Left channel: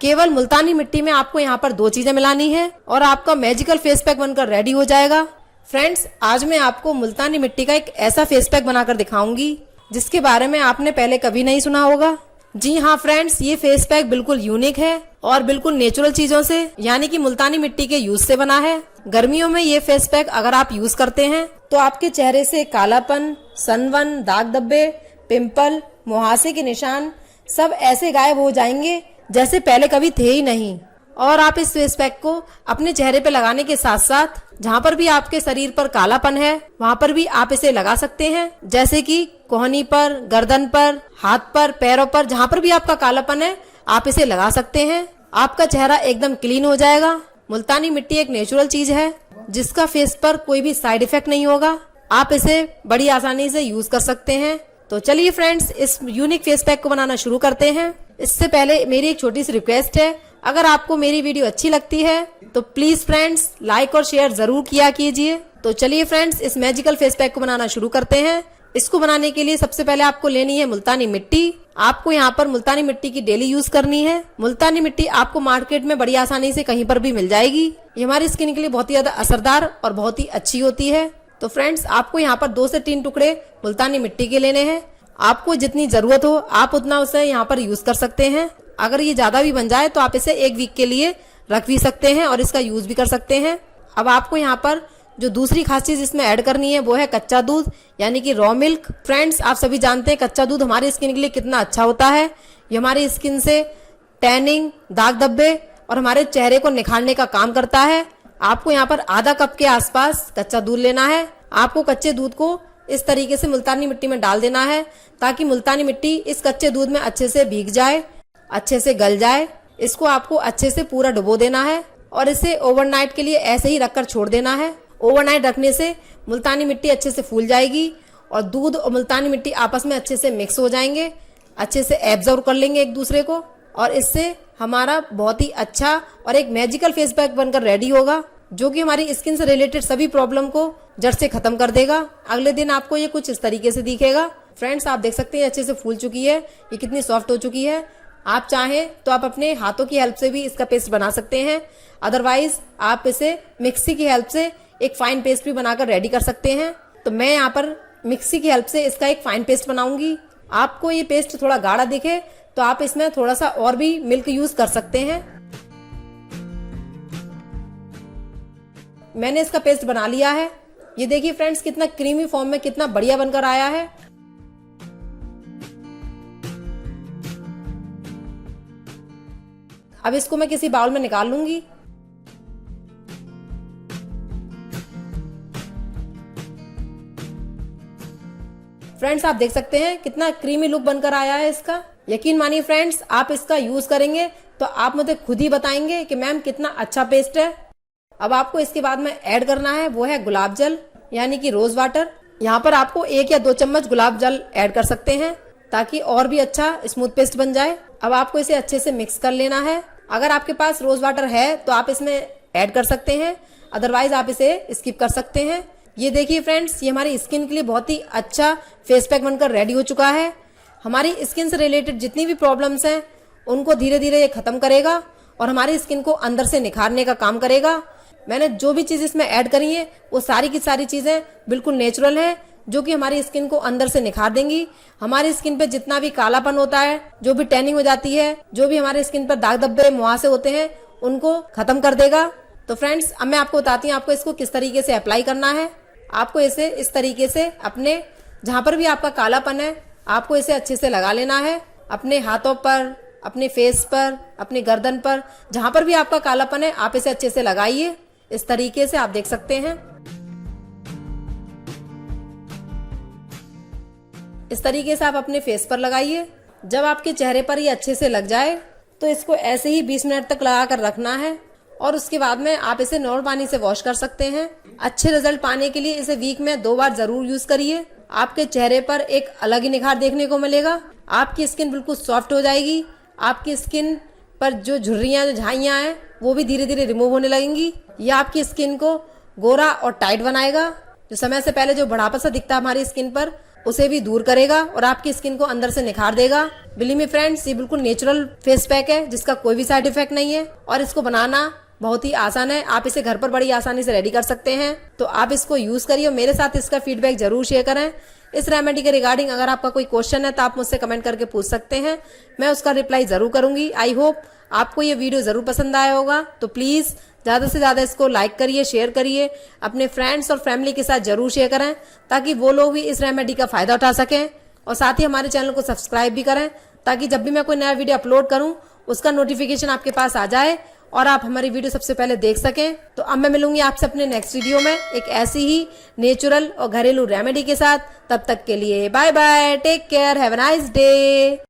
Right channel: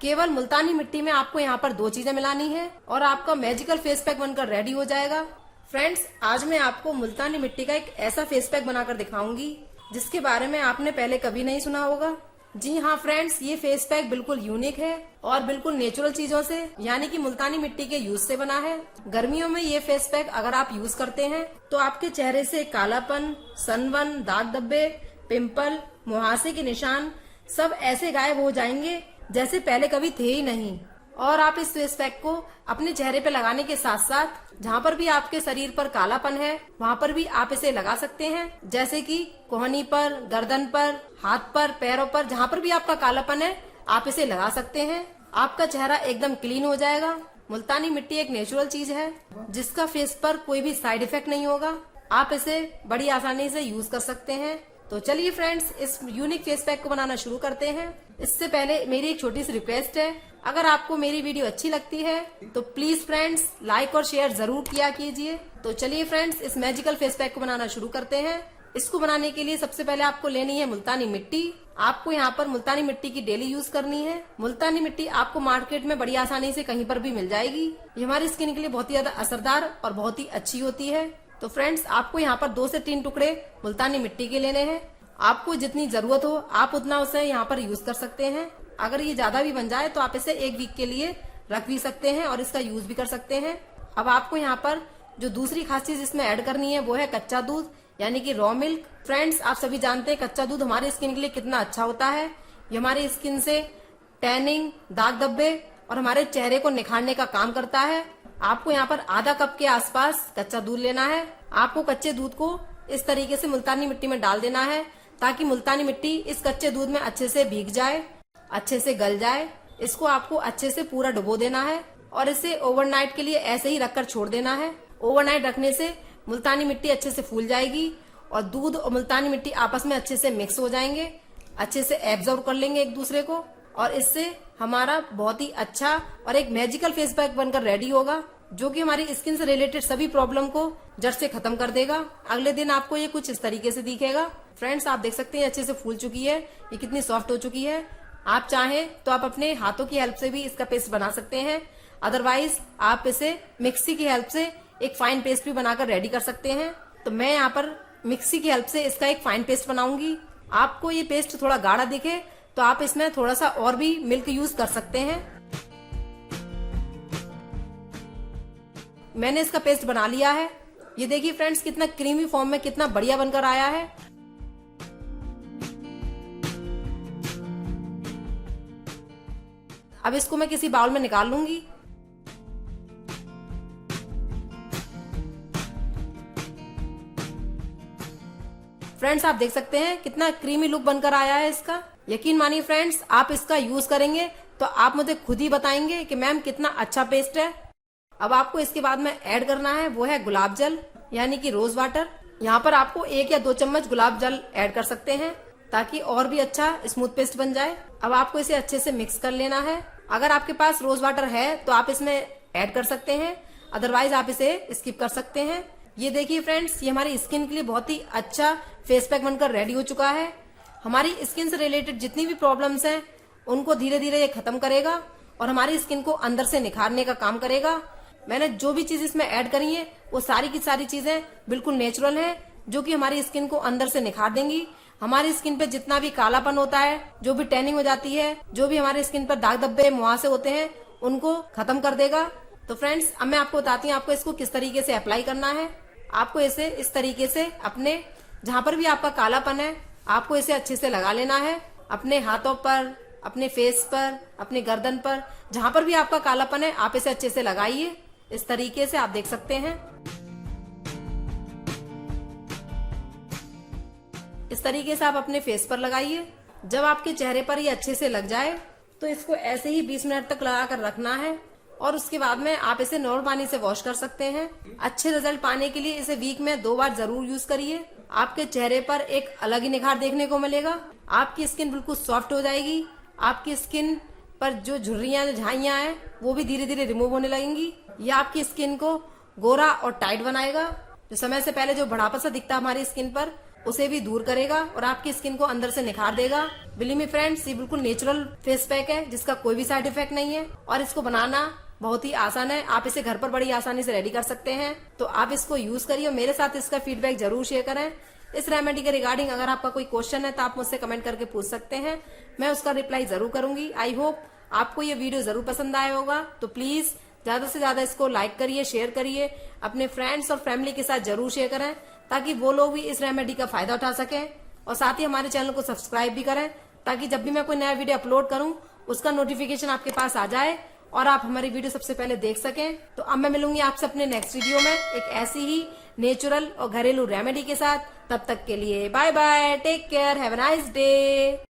केवल मुल्तानी मिट्टी में आपको यहाँ पर 2 चीजें मिलानी है और आपका मैजिकल फेस पैक बनकर रेडी हो जाएगा। फ्रेंड्स, आज मैं आपको मुल्तानी मिट्टी का एक ऐसा फेस पैक बनाकर दिखाऊंगी जिसके बारे में आपने पहले कभी नहीं सुना होगा। जी हाँ फ्रेंड्स, ये फेस पैक बिल्कुल यूनिक है और बिल्कुल नेचुरल चीजों से यानी कि मुल्तानी मिट्टी के यूज से बना है। गर्मियों में ये फेस पैक अगर आप यूज करते हैं तो आपके चेहरे से कालापन, सनबर्न, दाग धब्बे, पिंपल, मुहासे के निशान सब ऐसे गायब हो जाएंगे जैसे पहले कभी थे ही नहीं। और आप इस फेस पैक को अपने चेहरे पे लगाने के साथ साथ जहाँ पर भी आपके शरीर पर कालापन है वहाँ पर भी आप इसे लगा सकते हैं, जैसे कि कोहनी पर, गर्दन पर, हाथ पर, पैरों पर, जहाँ पर भी आपका कालापन है आप इसे लगा सकते हैं। आपका चेहरा एकदम क्लीन हो जाएगा। मुल्तानी मिट्टी एक नेचुरल चीज है जिसका फेस पर कोई भी साइड इफेक्ट नहीं होगा। आप इसे बड़ी आसानी से यूज कर सकते हैं। तो चलिए फ्रेंड्स, इस यूनिक फेस पैक को बनाना शुरू करते हैं। इससे पहले मेरी एक छोटी सी रिक्वेस्ट है, अगर आपको मेरी वीडियो अच्छी लगती है तो प्लीज फ्रेंड्स लाइक और शेयर जरूर किया कीजिए। तो चलिए फ्रेंड्स, इस मैजिकल फेस पैक को बनाना शुरू करते हैं। इसको बनाने के लिए सबसे पहले आपको लेनी है मुल्तानी मिट्टी। आपको यहाँ पर मुल्तानी मिट्टी की डेली यूज करनी है। मुल्तानी मिट्टी आपको मार्केट में बड़ी आसानी से कहीं पर भी मिल जाएगी। ये हमारी स्किन के लिए बहुत ही ज्यादा असरदार और बहुत ही अच्छी होती है। तो फ्रेंड्स, आपको यहाँ पर 2 से 3 टुकड़े मुल्तानी मिट्टी के लेने हैं। आपको जितनी जरूरत हो आप उतना उसे यहाँ पर यूज कर सकते हैं। अगर ये ज्यादा भी बन जाए तो आप इसे 1 वीक के लिए रख भी सकते हैं और इसका यूज भी कर सकते हैं। अब आपको यहाँ पर जो दूसरी खास चीज इसमें ऐड करनी है वो है कच्चा दूध यानी कि रॉ मिल्क। फ्रेंड्स, आप सभी जानते हैं कच्चा दूध हमारी स्किन के लिए कितना अच्छा होता है। ये हमारी स्किन से टैनिंग, दाग धब्बे और हमारे चेहरे को निखारने का काम करता है। आपको यहाँ पर आधा कप के आसपास कच्चा दूध लेना है। आपको कच्चे दूध को इस तरीके से मुल्तानी मिट्टी में डाल देना है ताकि मुल्तानी मिट्टी इस कच्चे दूध में अच्छे से भीग जाए, अच्छे से गल जाए। इसको आपको अच्छे से पूरा डुबो देना है और इसे ओवरनाइट के लिए ऐसे ही रखकर छोड़ देना है। ओवरनाइट रखने से मुल्तानी मिट्टी अच्छे से फूल जाएगी और दूध और मुल्तानी मिट्टी आपस में अच्छे से मिक्स हो जाएंगे, अच्छे से एब्जॉर्ब कर लेंगे एक दूसरे को और इससे हमारा बहुत ही अच्छा और एक मैजिकल फेस पैक बनकर रेडी होगा जो कि हमारी स्किन से रिलेटेड सभी प्रॉब्लम को जड़ से खत्म कर देगा। अगले दिन आपको ये कुछ इस तरीके से दिखेगा। फ्रेंड्स, आप देख सकते हैं अच्छे से फूल चुकी है, ये कितनी सॉफ्ट हो चुकी है। आप चाहें तो आप अपने हाथों की हेल्प से भी इसका पेस्ट बना सकते हैं। अदरवाइज आप इसे मिक्सी की हेल्प से एक फाइन पेस्ट भी बनाकर रेडी कर सकते हैं। तो मैं यहाँ पर मिक्सी की हेल्प से इसका एक फाइन पेस्ट बनाऊंगी। आपको ये पेस्ट थोड़ा गाढ़ा दिखे तो आप इसमें थोड़ा सा और भी मिल्क यूज कर सकते हैं। मैंने इसका पेस्ट बना लिया है। ये देखिए फ्रेंड्स, कितना क्रीमी फॉर्म में कितना बढ़िया बनकर आया है। अब इसको मैं किसी बाउल में निकाल लूंगी। फ्रेंड्स, आप देख सकते हैं कितना क्रीमी लुक बनकर आया है इसका। यकीन मानिए फ्रेंड्स, आप इसका यूज करेंगे तो आप मुझे खुद ही बताएंगे कि मैम कितना अच्छा पेस्ट है। अब आपको इसके बाद में ऐड करना है वो है गुलाब जल यानी कि रोज वाटर। यहाँ पर आपको 1 या 2 चम्मच गुलाब जल ऐड कर सकते हैं ताकि और भी अच्छा स्मूथ पेस्ट बन जाए। अब आपको इसे अच्छे से मिक्स कर लेना है। अगर आपके पास रोज वाटर है तो आप इसमें ऐड कर सकते हैं, अदरवाइज आप इसे स्किप कर सकते हैं। ये देखिए फ्रेंड्स, ये हमारी स्किन के लिए बहुत ही अच्छा फेस पैक बनकर रेडी हो चुका है। हमारी स्किन से रिलेटेड जितनी भी प्रॉब्लम्स हैं उनको धीरे धीरे ये खत्म करेगा और हमारी स्किन को अंदर से निखारने का काम करेगा। मैंने जो भी चीज इसमें ऐड करी है वो सारी की सारी चीजें बिल्कुल नेचुरल है जो कि हमारी स्किन को अंदर से निखार देंगी। हमारी स्किन पे जितना भी कालापन होता है, जो भी टैनिंग हो जाती है, जो भी हमारे स्किन पर दाग धब्बे, मुहासे होते हैं, उनको खत्म कर देगा। तो फ्रेंड्स, अब मैं आपको बताती हूँ आपको इसको किस तरीके से अप्लाई करना है। आपको इसे इस तरीके से अपने जहाँ पर भी आपका कालापन है आपको इसे अच्छे से लगा लेना है। अपने हाथों पर, अपने फेस पर, अपनी गर्दन पर, जहाँ पर भी आपका कालापन है आप इसे अच्छे से लगाइए। इस तरीके से आप देख सकते हैं। इस तरीके से आप अपने फेस पर लगाइए। जब आपके चेहरे पर ये अच्छे से लग जाए तो इसको ऐसे ही 20 मिनट तक लगा कर रखना है और उसके बाद में आप इसे नॉर्मल पानी से वॉश कर सकते हैं। अच्छे रिजल्ट पाने के लिए इसे वीक में 2 बार जरूर यूज करिए। आपके चेहरे पर एक अलग ही निखार देखने को मिलेगा। आपकी स्किन बिल्कुल सॉफ्ट हो जाएगी। आपकी स्किन पर जो झुर्रियां, जो झाइयां हैं वो भी धीरे धीरे रिमूव होने लगेंगी। ये आपकी स्किन को गोरा और टाइट बनाएगा। जो समय से पहले जो बढ़ापा सा दिखता है हमारी स्किन पर, उसे भी दूर करेगा और आपकी स्किन को अंदर से निखार देगा। बिलीव मी फ्रेंड्स, ये बिल्कुल नेचुरल फेस पैक है जिसका कोई भी साइड इफेक्ट नहीं है और इसको बनाना बहुत ही आसान है। आप इसे घर पर बड़ी आसानी से रेडी कर सकते हैं। तो आप इसको यूज करिए और मेरे साथ इसका फीडबैक जरूर शेयर करें। इस रेमेडी के रिगार्डिंग अगर आपका कोई क्वेश्चन है तो आप मुझसे कमेंट करके पूछ सकते हैं, मैं उसका रिप्लाई जरूर करूंगी। आई होप आपको ये वीडियो जरूर पसंद आया होगा। तो प्लीज ज्यादा से ज्यादा इसको लाइक करिए, शेयर करिए, अपने फ्रेंड्स और फैमिली के साथ जरूर शेयर करें ताकि वो लोग भी इस रेमेडी का फायदा उठा सकें। और साथ ही हमारे चैनल को सब्सक्राइब भी करें ताकि जब भी मैं कोई नया वीडियो अपलोड करूं उसका नोटिफिकेशन आपके पास आ जाए और आप हमारी वीडियो सबसे पहले देख सकें। तो अब मैं मिलूंगी आपसे अपने नेक्स्ट वीडियो में एक ऐसी ही नेचुरल और घरेलू रेमेडी के साथ। तब तक के लिए bye bye, take care, have a nice day.